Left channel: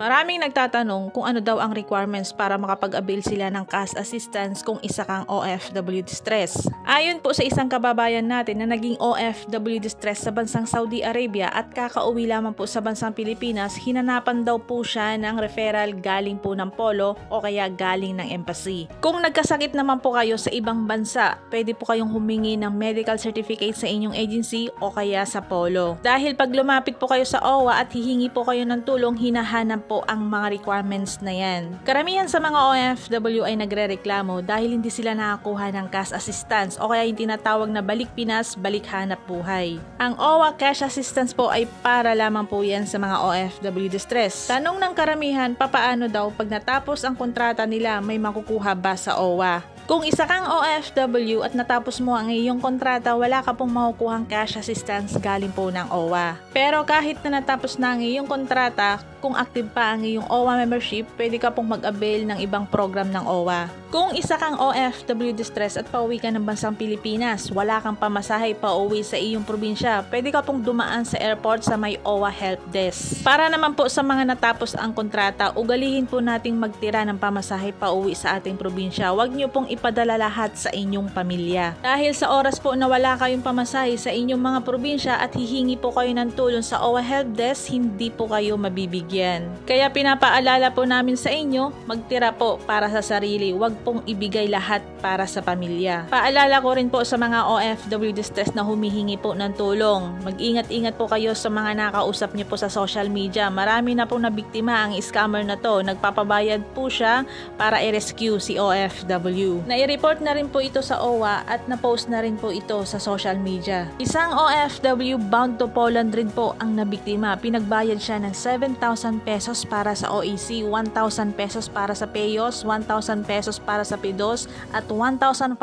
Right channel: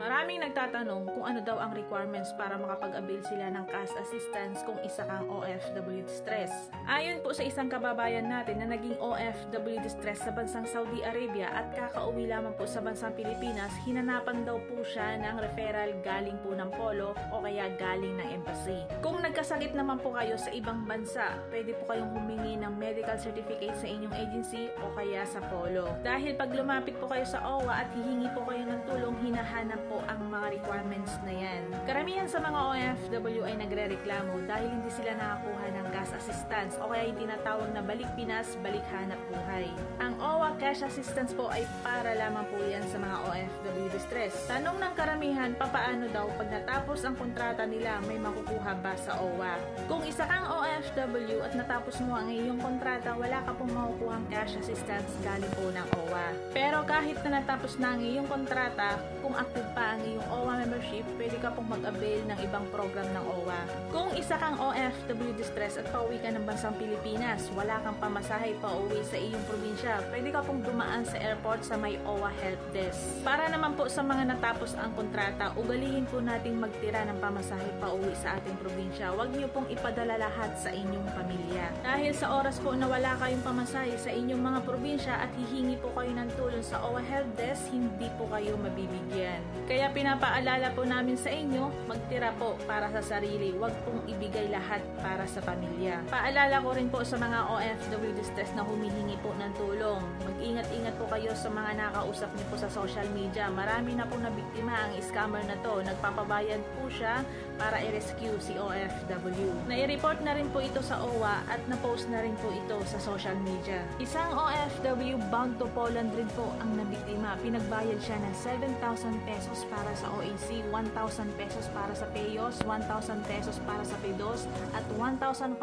Maraming nagtatanong kung ano daw ang requirements para makapag-avail sila ng cash assistance kung isa kang OFW distress. Ayon po sa isang kababayan natin na naging OFW distress sa bansang Saudi Arabia at kakauwi lamang po sa bansang Pilipinas, hinanapan daw po siya ng referral galing po ng Polo o kaya galing ng embassy. Kung nagkasakit naman po kayo sa ibang bansa, pwede po kayong humingi ng medical certificate sa inyong agency o kaya sa Polo. Dahil pag lumapit po kayo sa OWA at hihingi po kayo ng tulong, hinahanap po ang mga requirements na yan. Karamihan sa mga OFW ay nagrereklamo dahil hindi sila nakakuha ng cash assistance o kaya yung tinatawag na balik Pinas, balik hanap buhay. Ang OWA cash assistance po ay para lamang po yan sa mga OFW distress. Tanong ng karamihan, papaano daw pag natapos ang kontrata nila, may makukuha ba sa OWA? Kung isa kang OFW at natapos mo ang iyong kontrata, wala ka pong makukuhang cash assistance galing po ng OWA. Pero kahit na natapos na ang iyong kontrata, kung active pa ang iyong OWA membership, pwede ka pong mag-avail ng ibang program ng OWA. Kung isa kang OFW distress at pauwi ka ng bansang Pilipinas, wala kang pamasahe pauwi sa iyong probinsya, pwede ka pong dumaan sa airport sa may OWA help desk. Para naman po sa mga natapos ang kontrata, ugalihin po nating magtira ng pamasahe pauwi sa ating probinsya. Huwag niyo pong ipadala lahat sa inyong pamilya. Dahil sa oras po na wala kayong pamasahe sa inyong mga probinsya at hihingi po kayo ng tulong sa OWA help desk, hindi po kayo mabibigyan. Kaya pinapaalala po namin sa inyo, magtira po para sa sarili, wag pong ibigay lahat para sa pamilya. Paalala ko rin po sa mga OFW distress na humihingi po ng tulong. Mag-ingat-ingat po kayo sa mga nakausap niyo po sa social media. Marami na pong nabiktima ang scammer na to. Nagpapabayad po siya para i-rescue si OFW. Nai-report na rin po ito sa OWA at na-post na rin po ito sa social media. Isang OFW bound to Poland rin po ang nabiktima. Pinagbayad siya ng 7,000 pesos para sa OEC, 1,000 pesos para sa PEOS, 1,000 pesos para sa PIDOS at 1,500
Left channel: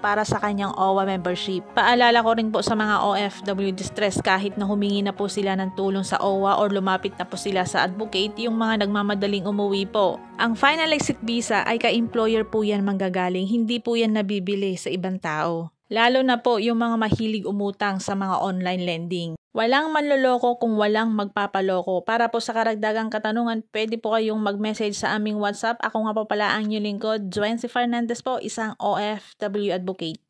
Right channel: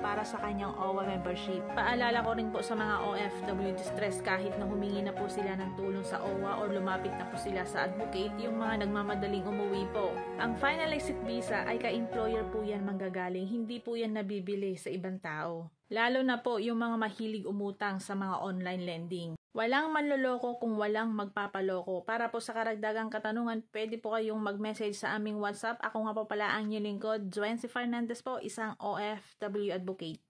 para sa kanyang OWA membership. Paalala ko rin po sa mga OFW distress, kahit na humingi na po sila ng tulong sa OWA or lumapit na po sila sa advocate, yung mga nagmamadaling umuwi po, ang final exit visa ay ka-employer po yan manggagaling, hindi po yan nabibili sa ibang tao. Lalo na po yung mga mahilig umutang sa mga online lending. Walang manloloko kung walang magpapaloko. Para po sa karagdagang katanungan, pwede po kayong mag-message sa aming WhatsApp. Ako nga po pala ang inyong lingkod, Joancy Fernandez po, isang OFW advocate.